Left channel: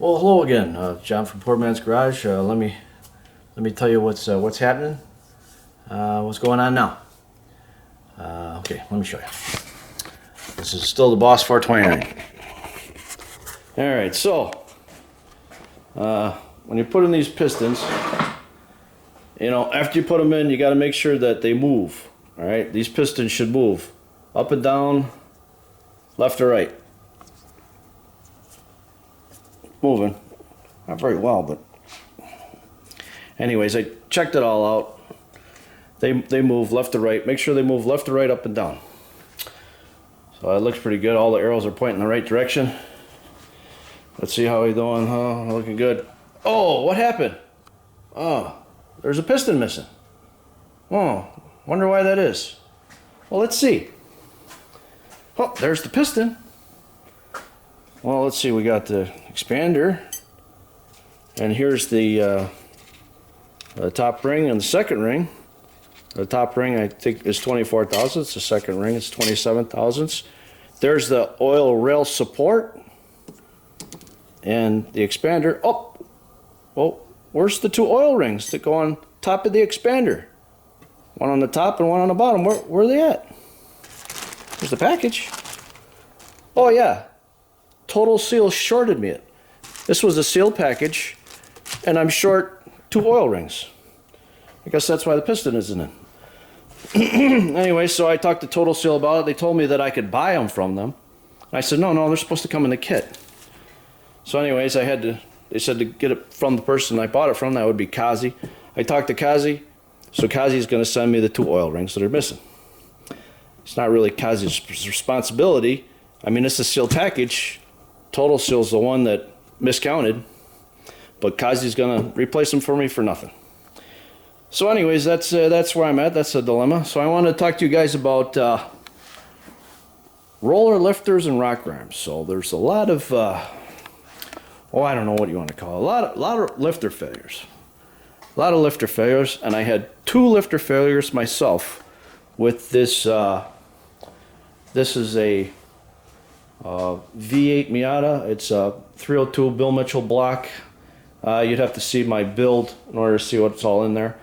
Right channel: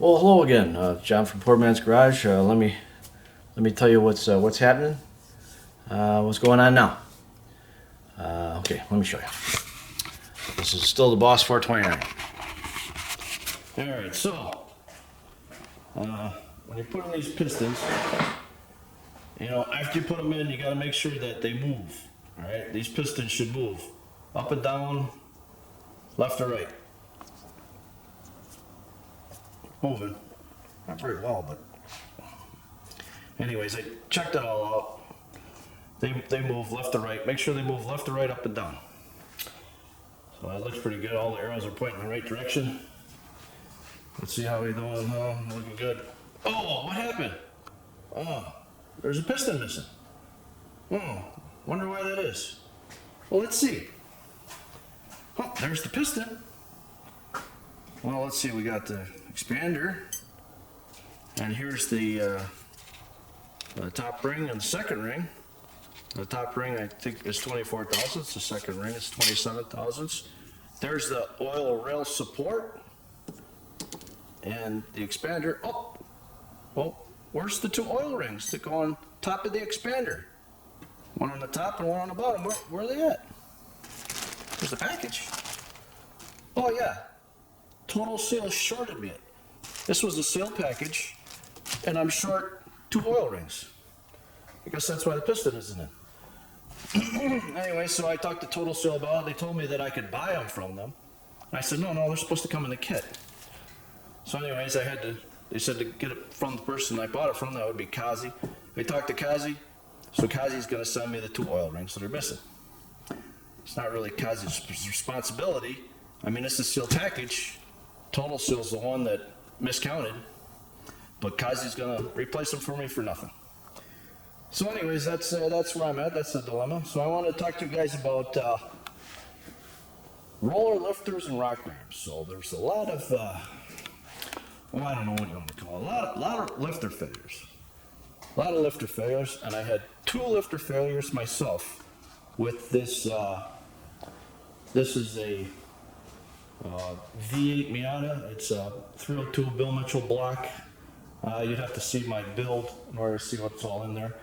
Well, hello again, John from Poor Man's Garage. Let me tell you what's happening. What's going on now? Okay, let me show you. This is still the Boss 429. All right, so when you put in these pistons, after you put them in, you got to make sure that they move. All right, these pistons should move up and down, left or right. Moving, not very well, but anyways, I checked it all out. They move left to right. Make sure they move left to right, up and down. So it looks pretty good. All the arrows are pointing in the right direction. Let's see how he's doing. Oh, looking good. Oh, what happened? Oh, there's a piston missing. Oh, wonder why that is. Well, let's see. Oh, there's the piston. Well, let's see, we got the expander, and here's the top ring and the second ring. The top ring, I think, is 24 thousandths. The second ring is 27 thousandths. There's the oil rail support and the expander. Oh, well, where's the two oil rings that go on top of the expander? One on the top and one on the bottom. Where are they at? There's the package. Oh, yeah. Total Seal shorted me. This was a seal package, and I'm short two oil rings. I guess that's why the piston isn't in. Anyway, so I talked to Total Seal about it. They told me that I could buy them from them. I said, no, they're supposed to come in the kit. So anyways, they said to get it from the person I bought it from. That would be Kazi. I talked to Kazi, so Kazi's going to send me the two oil rings that are missing. It's not really Kazi's responsibility. I mean, it's a sealed package. Total Seal's the one that miscounted, but Kazi's gonna replace them for me for nothing. So anyways, that's where I'm at. That's the dilemma. So I want to talk to you guys about roller lifters and rock arms. So there's a lot of I don't know what you want to call it. A lot of lifter failures. A lot of lifter failures, and I had two lifter failures myself with this. This is a V8 Miata. It's a 302 Bill Mitchell block. You'd have to see my build in order to see what's all in there,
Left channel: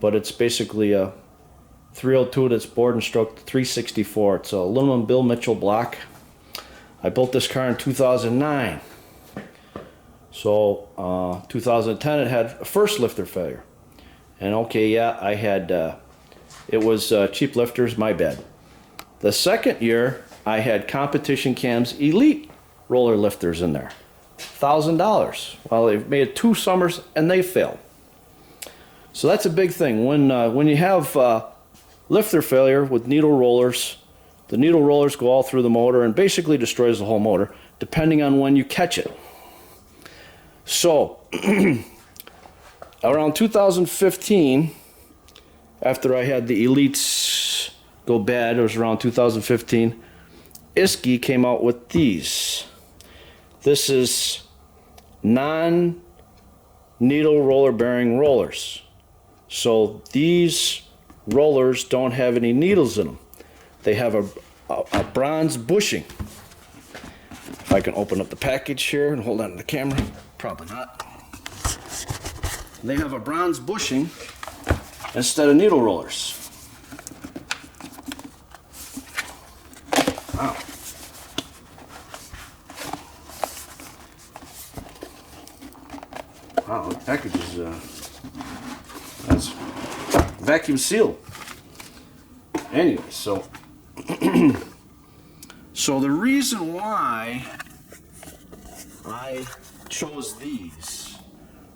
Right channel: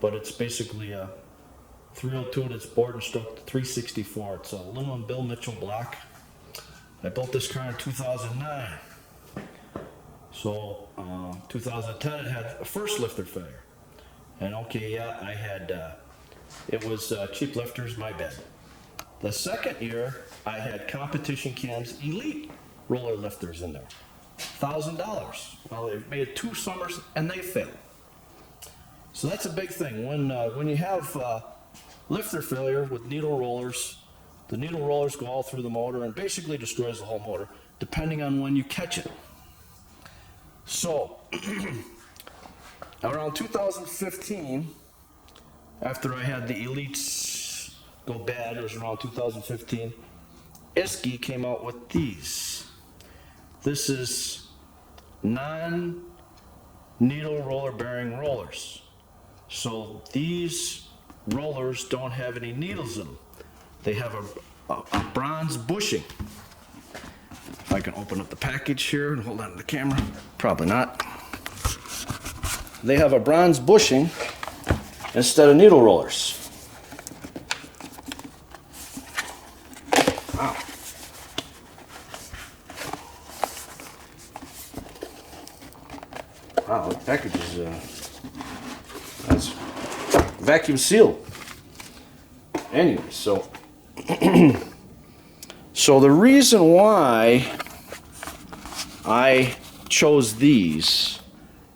but it's basically a 302 that's bored and stroked 364. It's a aluminum Bill Mitchell block. I built this car in 2009. So 2010 it had a first lifter failure, and okay, yeah, I had it was cheap lifters, my bad. The second year I had Competition Cam's Elite roller lifters in there, $1,000. Well, they've made 2 summers and they failed. So that's a big thing. When you have lifter failure with needle rollers, the needle rollers go all through the motor and basically destroys the whole motor, depending on when you catch it. So around 2015, after I had the Elites go bad, it was around 2015, Isky came out with these. This is non-needle roller bearing rollers. So these rollers don't have any needles in them. They have a bronze bushing. If I can open up the package here and hold on to the camera, probably not. They have a bronze bushing instead of needle rollers. Wow. Wow, the package is that's vacuum sealed. Anyway, so so the reason why I chose these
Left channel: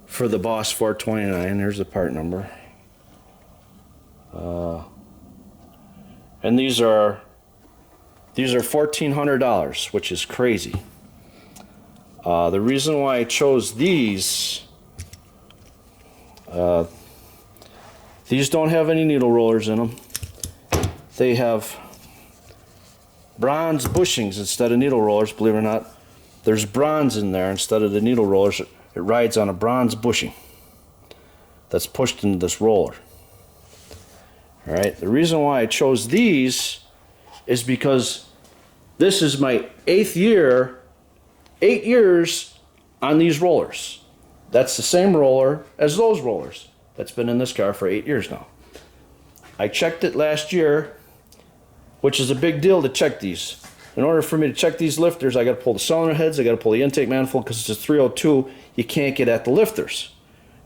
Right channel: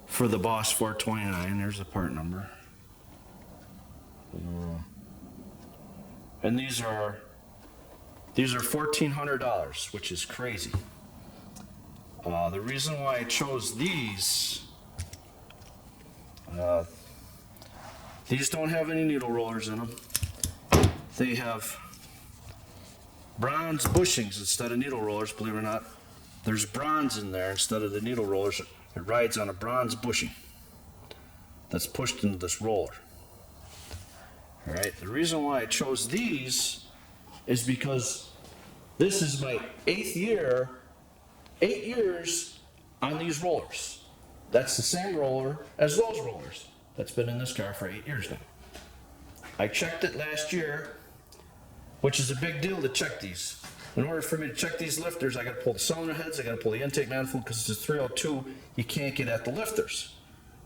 for the Boss 429, there's the part number, and these are $1,400, which is crazy. The reason why I chose these don't have any needle rollers in them. They have bronze bushings instead of needle rollers, believe it or not. There's bronze in there instead of the needle rollers. It rides on a bronze bushing that's pushed into this roller. All right, the reason why I chose these is because this is my 8th year, 8 years on these rollers. That's the same roller as those rollers. That's been in this car for 8 years now. I checked it last year, which is a big deal to check these. In order for me to check these lifters, I got to pull the cylinder heads, I got to pull the intake manifold, because it's a 302, you can't get at the lifters.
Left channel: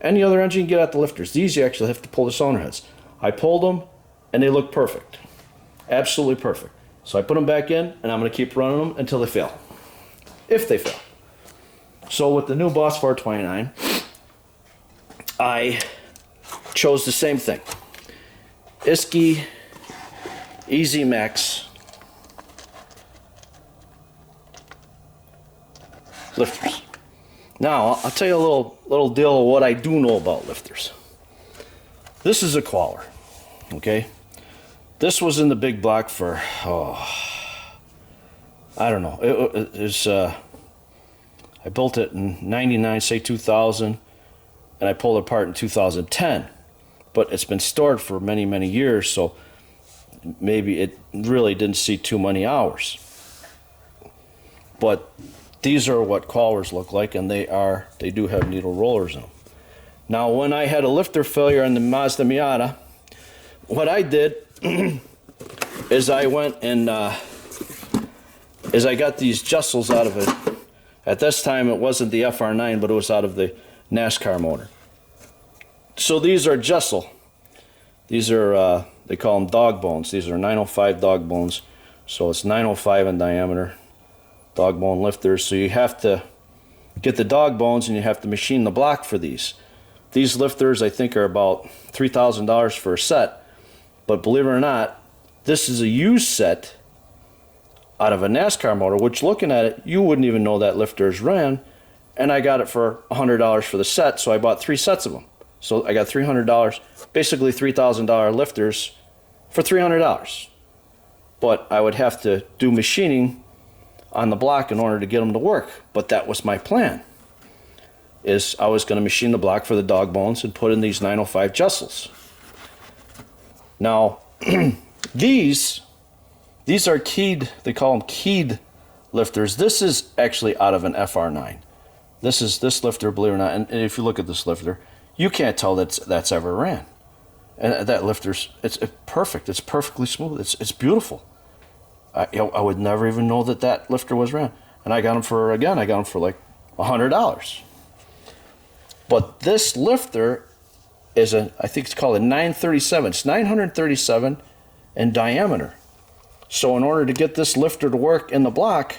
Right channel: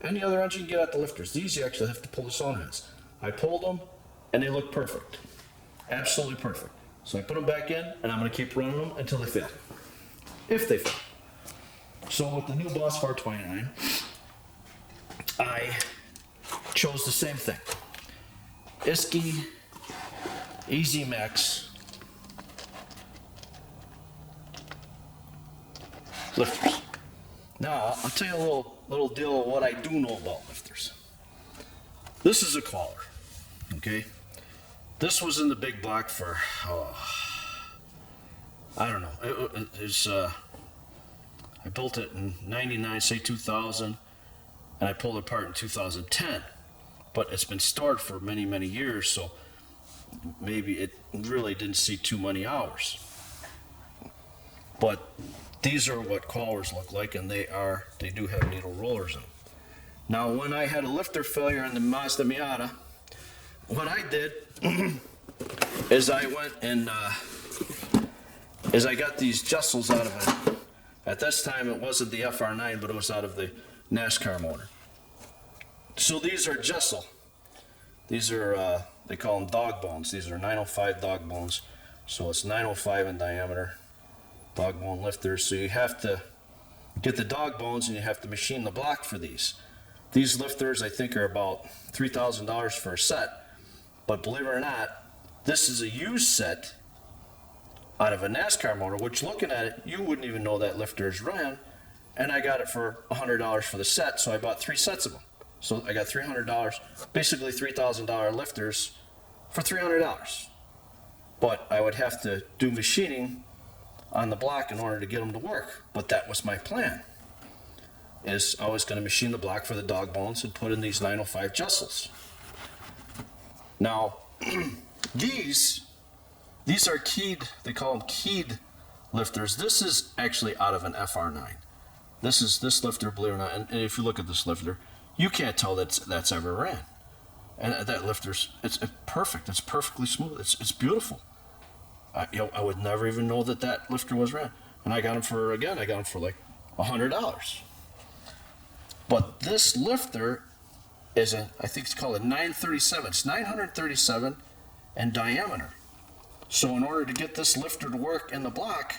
Any other engine, you get at the lifters. These, you actually have to pull the cylinder heads. I pulled them, and they look perfect. Absolutely perfect. So I put them back in, and I'm going to keep running them until they fail. If they fail. So with the new Boss 429, I chose the same thing. Isky Easy Max lifters. Now, I'll tell you a little deal of what I do know about lifters. This is a Qualler, okay? This was in the big block for, I don't know. It's I built it in 99, say 2000, and I pulled it apart in 2010. But it's been stored for many, many years, so maybe it really didn't see too many hours. But these are what Quallers look like, and they do have needle rollers in them. Now, when I had a lifter failure in the Mazda Miata, what I did is I went and I got these Jesels out of it. At this time, it wasn't the FR9, but it was out of the NASCAR motor. So these are Jesel. These are, they call them dog bones. These are 905 dog bones. So it's 905 in diameter, dog bone lifters. So you have to get the dog bones and you have to machine the block for these. These lifters, I think, are about $3,000 for a set. But believe it or not, this is a used set out of a NASCAR motor, which looking at it, you wouldn't even know that lifters ran. And I got it for $100 for the set, so I bought 3 sets of them. So I got $300, basically $3,000 lifters for $300. But I would have to do machining on the block in order to get them to work. But that was my plan, is I was going to machine the block for the dog bones and put in these 905 Jesels. Now, these are keyed, they call them keyed lifters. This is actually out of an FR9. This lifter, believe it or not, and if you look at this lifter, you can't tell that's ever ran. And that lifter's, it's perfect. It's perfectly smooth. It's beautiful. I would never even know that lifter was ran. And I got them for, again, like $100. But this lifter is I think it's called a 937. It's 937 in diameter. So in order to get this lifter to work in the block,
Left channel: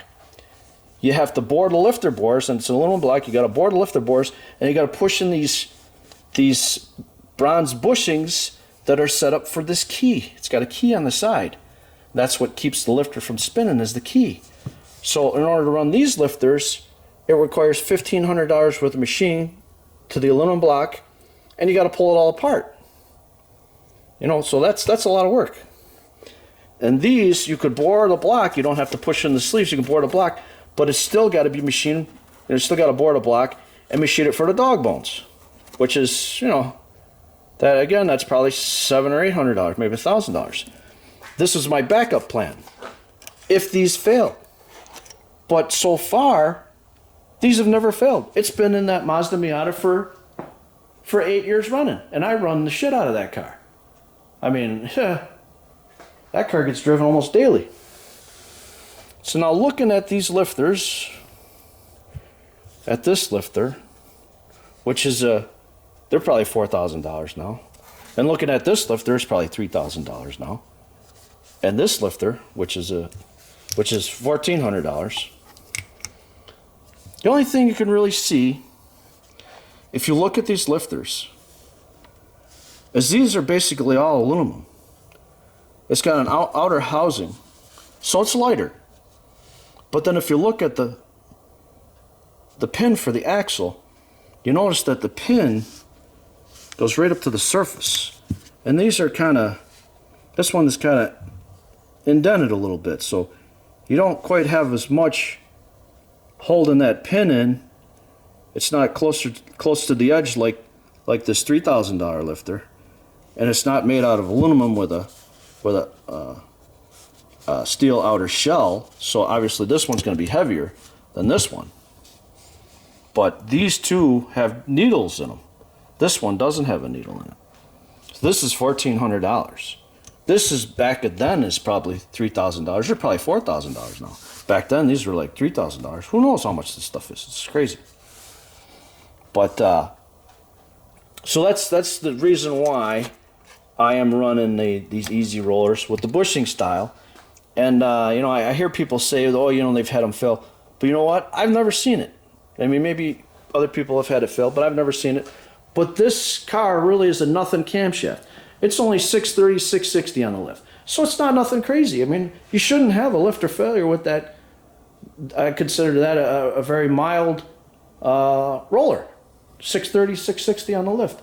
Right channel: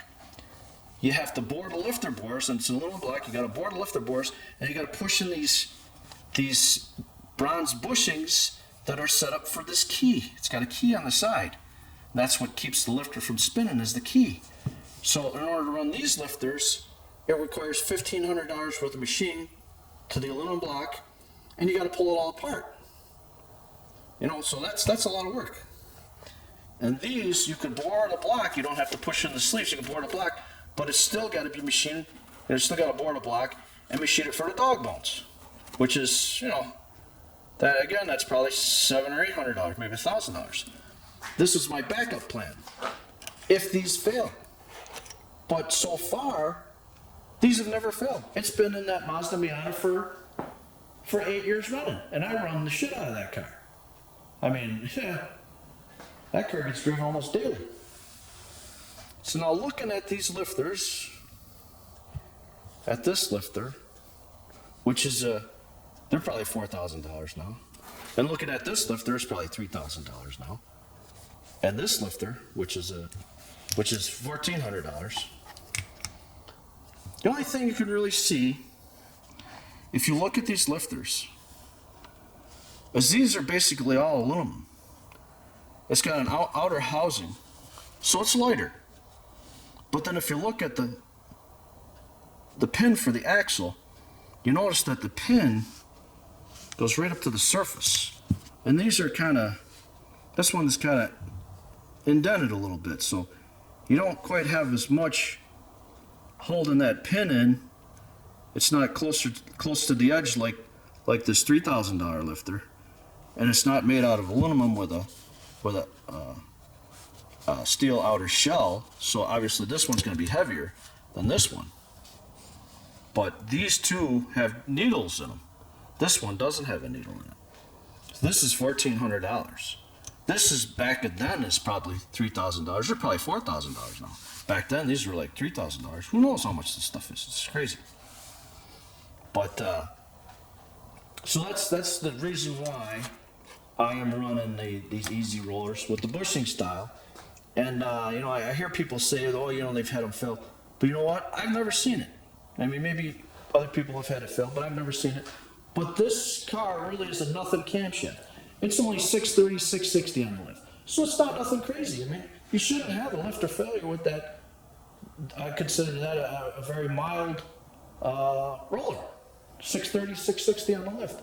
you have to bore the lifter bores, and it's an aluminum block. You got to bore the lifter bores, and you got to push in these bronze bushings that are set up for this key. It's got a key on the side. That's what keeps the lifter from spinning, is the key. So in order to run these lifters, it requires $1,500 worth of machine to the aluminum block, and you got to pull it all apart. You know, so that's a lot of work. And these, you could bore the block. You don't have to push in the sleeves. You can bore the block, but it's still got to be machined. You still got to bore the block and machine it for the dog bones, which is, you know, that again, that's probably $700 or $800, maybe $1,000. This is my backup plan if these fail. But so far, these have never failed. It's been in that Mazda Miata for 8 years running, and I run the shit out of that car. I mean, that car gets driven almost daily. So now looking at these lifters, at this lifter, which is they're probably $4,000 now. And looking at this lifter, it's probably $3,000 now. And this lifter, which is $1,400. The only thing you can really see, if you look at these lifters, is these are basically all aluminum. It's got an outer housing, so it's lighter. But then if you look at the pin for the axle, you notice that the pin goes right up to the surface. And these are this one is kind of indented a little bit, so you don't quite have as much holding that pin in. It's not close to the edge like this $3,000 lifter, and it's not made out of aluminum with a steel outer shell. So obviously this one's going to be heavier than this one. But these two have needles in them. This one doesn't have a needle in it. So this is $1,400. This is back then is probably $3,000. They're probably $4,000 now. Back then these were like $3,000. Who knows how much this stuff is? It's crazy. But so that's the reason why I am running these easy rollers with the bushing style. And you know, I hear people say, oh, you know, they've had them fail. But you know what? I've never seen it. I mean, maybe other people have had it fail, but I've never seen it. But this car really is a nothing camshaft. It's only 630, 660 on the lift. So it's not nothing crazy. I mean, you shouldn't have a lifter failure with that. I consider that a very mild roller. 630, 660 on the lift.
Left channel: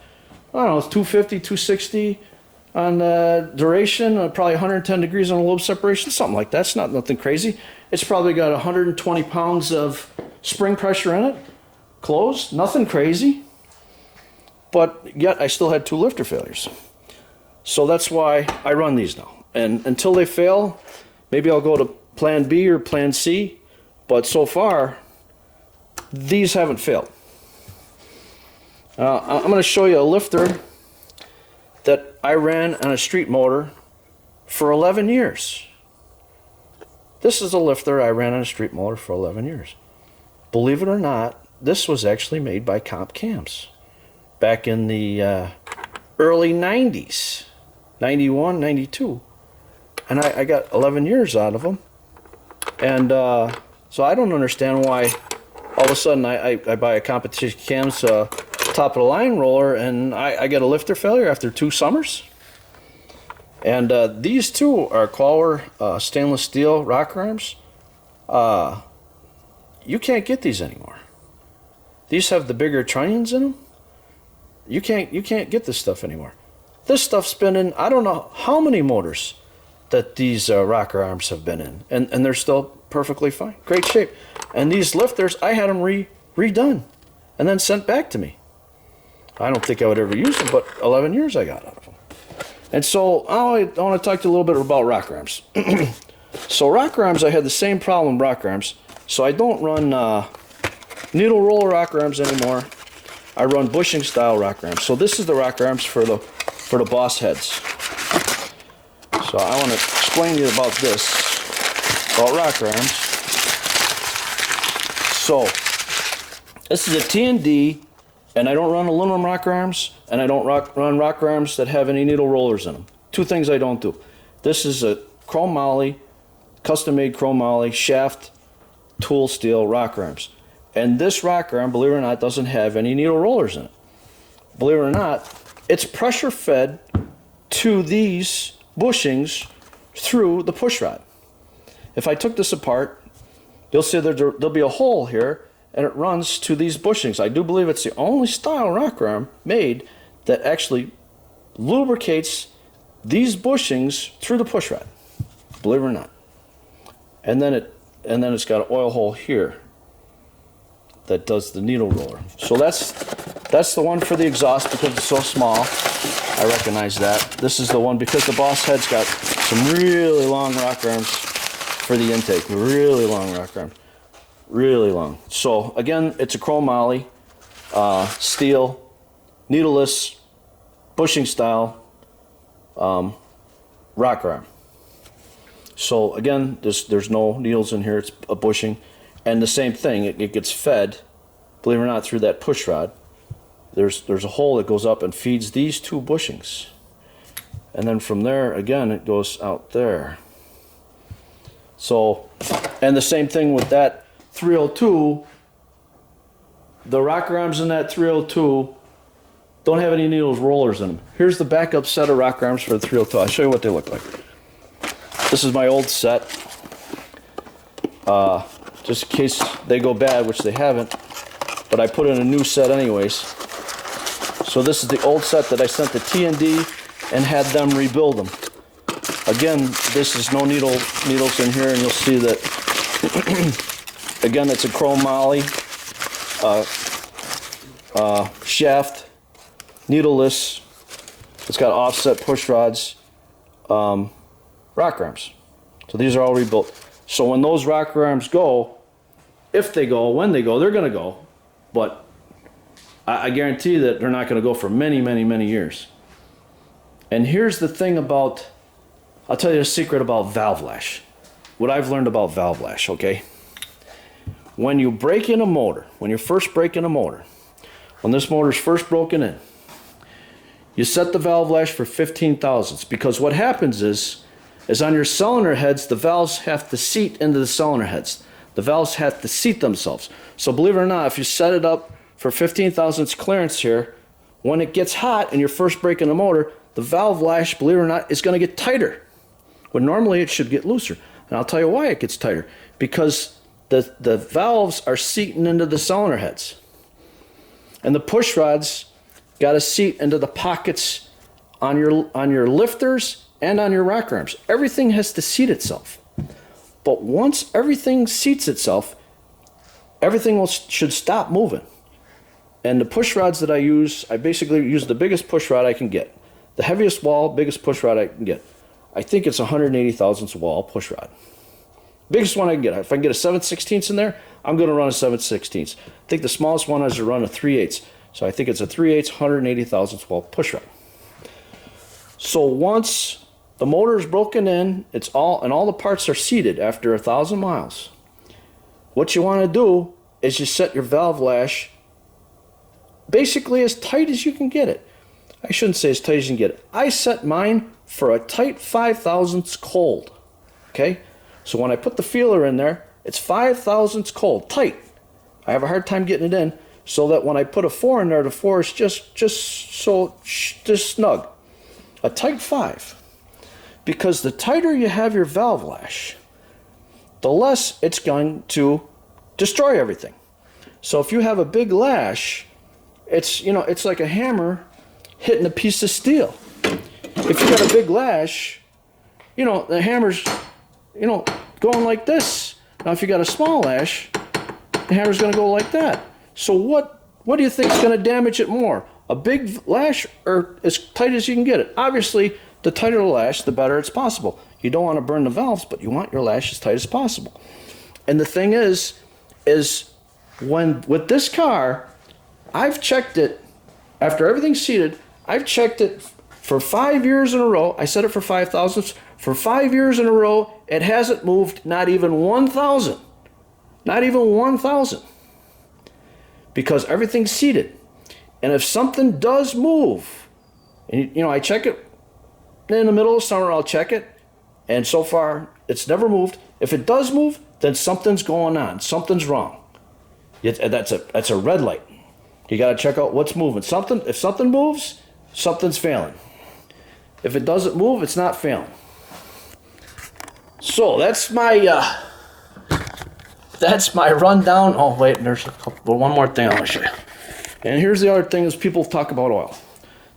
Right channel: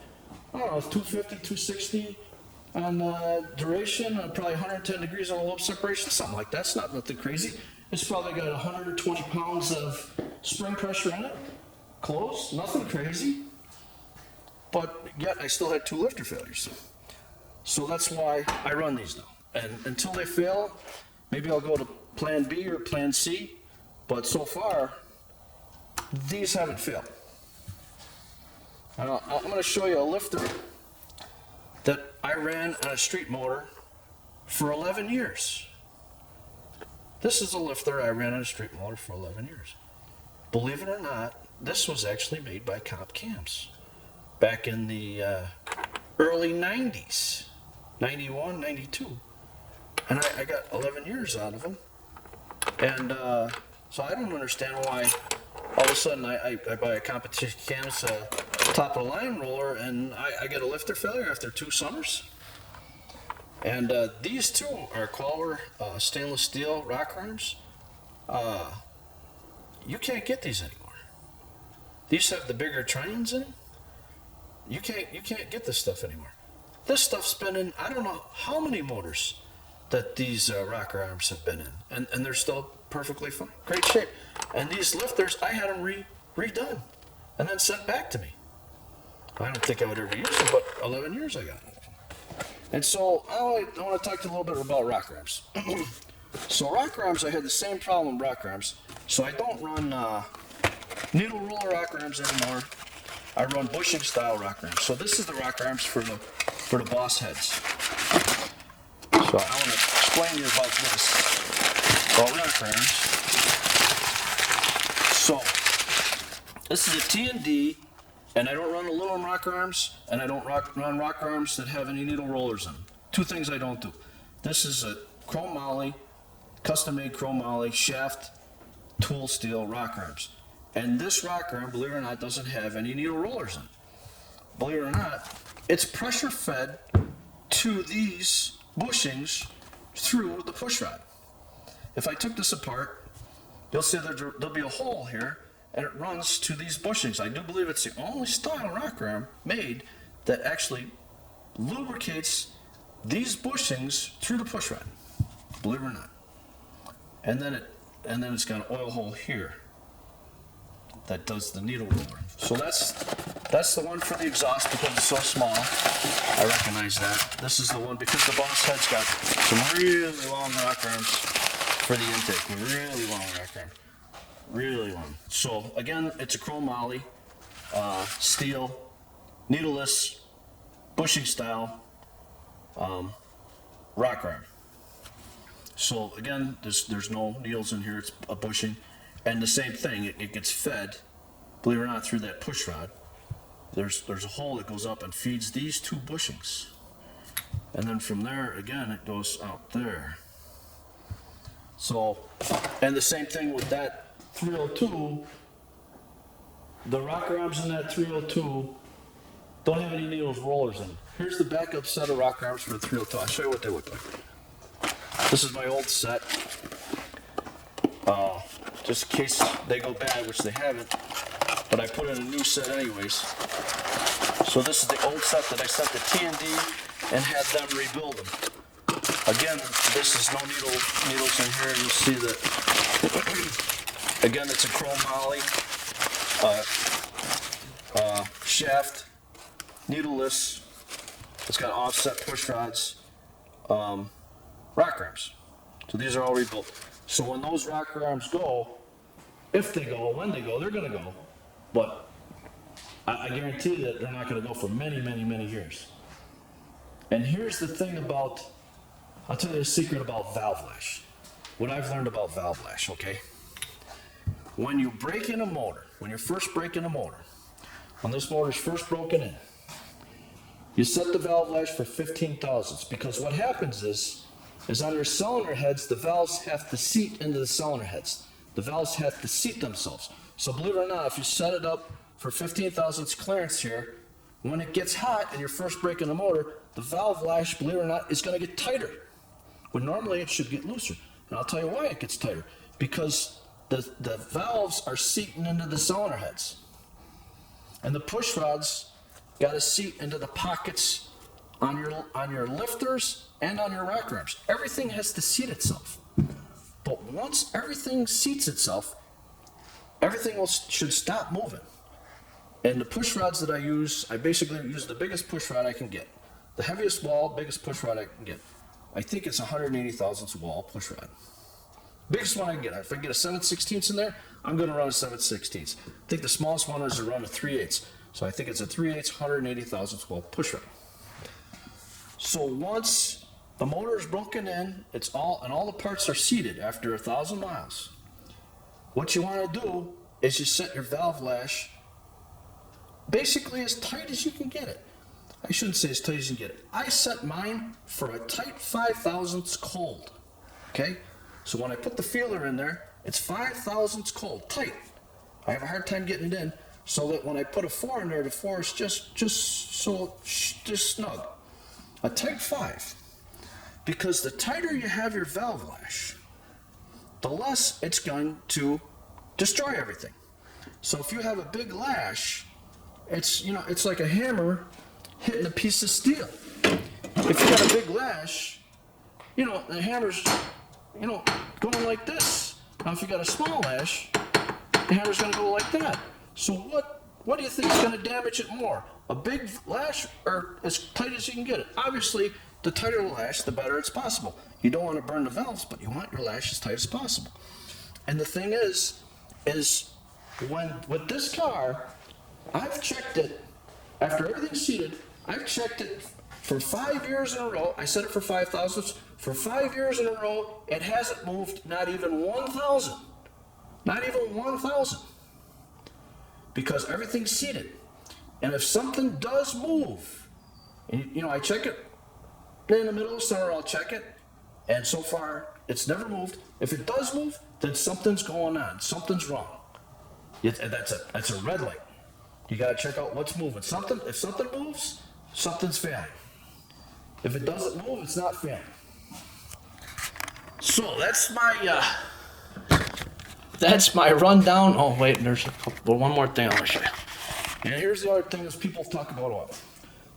I don't know, it's 250, 260 on the duration, probably 110 degrees on the lobe separation, something like that. It's not nothing crazy. It's probably got 120 pounds of spring pressure in it, closed, nothing crazy. But yet I still had 2 lifter failures. So that's why I run these now. And until they fail, maybe I'll go to plan B or plan C. But so far, these haven't failed. I'm going to show you a lifter that I ran on a street motor for 11 years. This is a lifter I ran on a street motor for 11 years. Believe it or not, this was actually made by Comp Cams back in the early 90s, 91, 92. And I got 11 years out of them. And so I don't understand why all of a sudden I buy a competition Cams top of the line roller and I get a lifter failure after 2 summers. And these two are Qualer stainless steel rocker arms. You can't get these anymore. These have the bigger trunnions in them. You can't get this stuff anymore. This stuff's been in I don't know how many motors that these rocker arms have been in, and they're still perfectly fine, great shape. And these lifters, I had them redone and then sent back to me. I don't think I would ever use them, but 11 years I got out of them. And so I want to talk to you a little bit about rocker arms. So rocker arms, I had the same problem with rocker arms. So I don't run needle roller rocker arms anymore. I run bushing style rocker arms. So this is the rocker arms for the boss heads. So I want to explain to you about this, about rocker arms. So this is a T&D, and I don't run aluminum rocker arms, and I don't run rocker arms that have any needle rollers in them. 2 things I don't do. This is a chromoly, custom-made chromoly shaft tool steel rocker arms. And this rocker arm, believe it or not, doesn't have any needle rollers in it. Believe it or not, it's pressure fed to these bushings through the push rod. If I took this apart, you'll see there'll be a hole here, and it runs to these bushings. I do believe it's the only style rocker arm made that actually lubricates these bushings through the push rod. Believe it or not. And then it's got an oil hole here that does the needle roller. So that's the one for the exhaust because it's so small. I recognize that. This is the one because the boss head's got some really long rocker arms for the intake. Really long rocker arm. Really long. So again, it's a chromoly, steel, needleless, bushing style rocker arm. So again, there's no needles in here. It's a bushing. And the same thing, it gets fed, believe it or not, through that push rod. There's a hole that goes up and feeds these 2 bushings. And then from there, again, it goes out there. So, and the same thing with that 302, the rocker arms in that 302 don't have any needles rollers in them. Here's the backup set of rocker arms for the 302. I'll show you what they look like. This is my old set. Just in case they go bad, which they haven't, but I put in a new set anyways. So this is the old set that I sent to T&D and had them rebuild them. Again, this is no needles in here, and you'll see that again, it's a chromoly shaft, needleless. It's got offset push rods, rocker arms. So these are all rebuilt. So when those rocker arms go, if they go, when they go, they're going to go. but I guarantee that they're not going to go for many, many, many years. And here's the thing about, I'll tell you a secret about valve lash. What I've learned about valve lash, okay? When you break in a motor, when you're first breaking a motor, when this motor's first broken in, you set the valve lash for 15 thousandths, because what happens is on your cylinder heads, the valves have to seat into the cylinder heads. The valves have to seat themselves. So believe it or not, if you set it up for 15 thousandths clearance here, when it gets hot and you're first breaking the motor, the valve lash, believe it or not, is going to get tighter. When normally it should get looser. And I'll tell you why it gets tighter. Because the valves are seating into the cylinder heads. And the push rods got to seat into the pockets on your lifters and on your rocker arms. Everything has to seat itself. But once everything seats itself, everything should stop moving. And the push rods that I use, I basically use the biggest push rod I can get. The heaviest wall, biggest push rod I can get. I think it's 180 thousandths wall push rod. Biggest one I can get. If I can get a 7/16 in there, I'm going to run a 7/16. I think the smallest one is to run a 3/8. So I think it's a 3/8 180 thousandths wall push rod. So once the motor is broken in, all the parts are seated after 1,000 miles. What you want to do is you set your valve lash basically as tight as you can get it. I shouldn't say as tight as you can get it. I set mine for a tight 5 thousandths cold. Okay? So when I put the feeler in there, it's 5 thousandths cold, tight. I have a hard time getting it in, so that when I put a 4 in there, the 4 is just snug. A tight 5. Because the tighter you have your valve lash, the less it's going to destroy everything. So if you have a big lash, it's like a hammer hitting a piece of steel. If you got a big lash, the hammer's, going like this. Now if you got a small lash, the hammer's going to go like that. So what do you think is going to damage it more? A big lash or as tight as you can get it? Obviously, the tighter the lash, the better it's possible. You don't want to burn the valves, but you want your lash as tight as possible. And the thing is when with this car, I've checked it after everything's seated. I've checked it for 5 years in a row. I set it for 5 thousandths. For 5 years in a row, it hasn't moved not even 1,000. Not even 1,000. Because everything's seated. And if something does move, and I check it in the middle of summer, I'll check it, and so far it's never moved. If it does move, then something's going on. Something's wrong. That's a red light. You got to check out what's moving. If something moves, something's failing. If it doesn't move, it's not failing. So that's my rundown. Oh wait, there's one more thing I want to show you. And here's the other thing: is people talk about oil.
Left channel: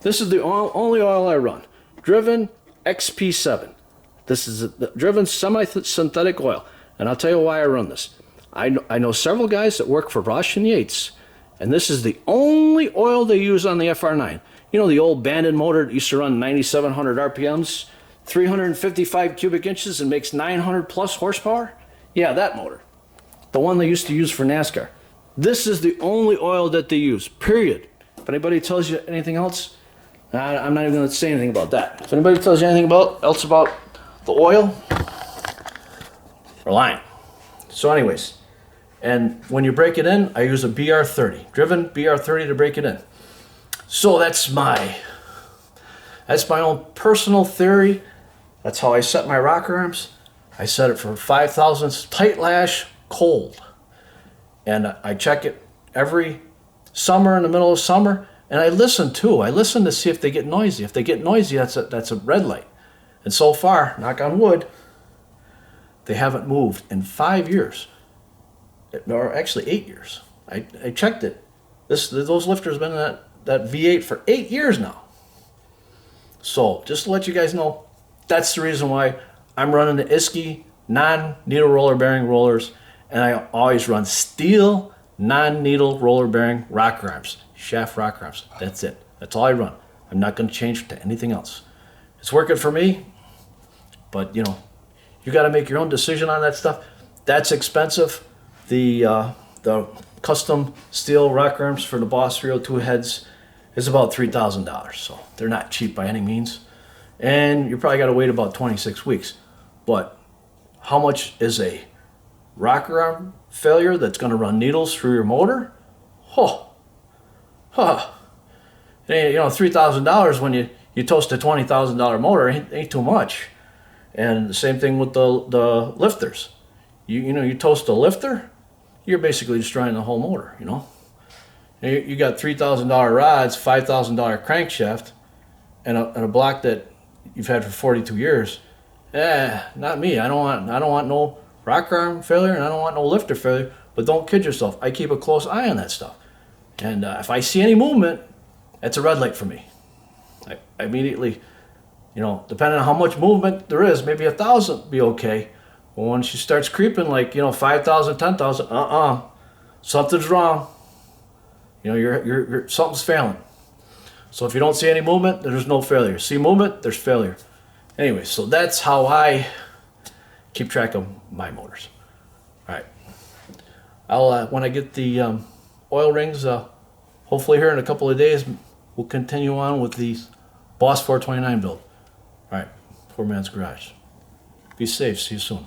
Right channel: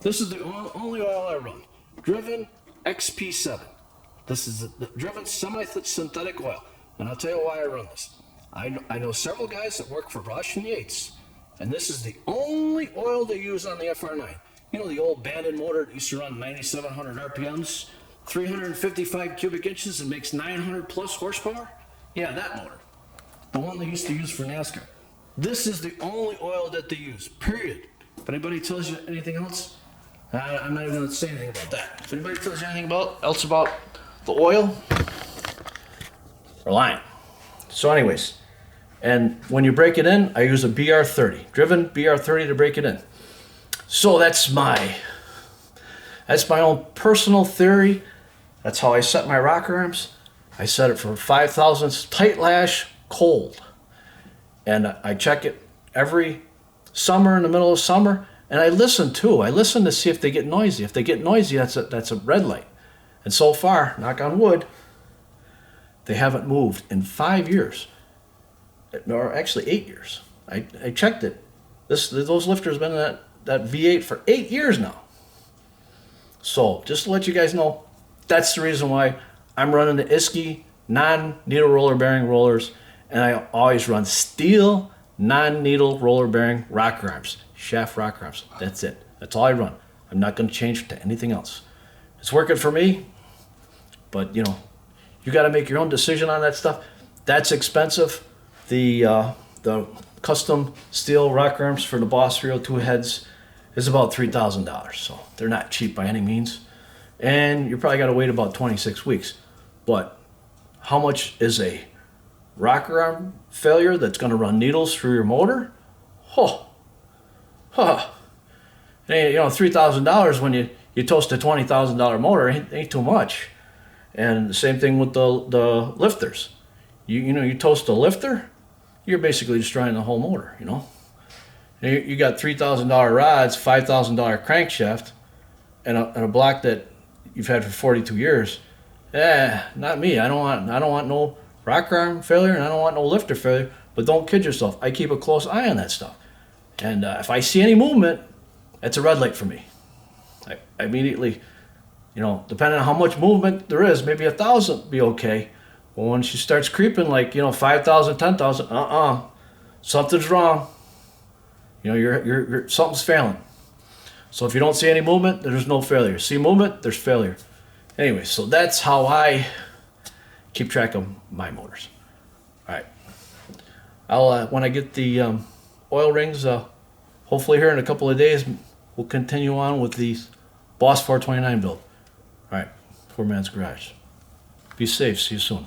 This is the only oil I run. Driven XP7. This is the driven semi-synthetic oil, and I'll tell you why I run this. I know several guys that work for Roche and Yates, and this is the only oil they use on the FR9. The old Bandon motor that used to run 9,700 RPMs, 355 cubic inches, and makes 900 plus horsepower? Yeah, that motor. The one they used to use for NASCAR. This is the only oil that they use, period. If anybody tells you anything else, I'm not even going to say anything about that. If anybody tells you anything else about the oil, they're lying. So anyways, and when you break it in, I use a BR30, driven BR30 to break it in. So that's my own personal theory. That's how I set my rocker arms. I set it for 5 thousandths tight lash, cold. And I check it every summer in the middle of summer. And I listen too. I listen to see if they get noisy. If they get noisy, that's a red light. And so far, knock on wood, they haven't moved in 5 years. Or actually 8 years. I checked it. Those lifters have been in that V8 for 8 years now. So just to let you guys know, that's the reason why I'm running the isky non-needle roller bearing rollers, and I always run steel non-needle roller bearing rocker arms, shaft rocker arms. That's it. That's all I run. I'm not going to change to anything else. It's working for me, but you got to make your own decision on that stuff. That's expensive. The custom steel rocker arms for the Boss 302 heads is about $3,000. So they're not cheap by any means. And you probably got to wait about 26 weeks. But how much is a rocker arm failure that's going to run needles through your motor? Hey, you know, $3,000 when you toast a $20,000 motor ain't too much. And the same thing with the lifters. You know, you toast a lifter, you're basically destroying the whole motor, you know. You got $3,000 rods, $5,000 crankshaft, and a block that you've had for 42 years. Not me. I don't want no rocker arm failure, and I don't want no lifter failure. But don't kid yourself. I keep a close eye on that stuff. And if I see any movement, that's a red light for me. I immediately, you know, depending on how much movement there is, maybe 1,000 be okay. But when she starts creeping like, you know, 5,000, 10,000, something's wrong. You know, you're something's failing. So if you don't see any movement, there's no failure. See movement, there's failure. Anyway, so that's how I keep track of my motors. All right. I'll when I get the oil rings, hopefully here in a couple of days, we'll continue on with the Boss 429 build. All right, Poor Man's Garage. Be safe. See you soon.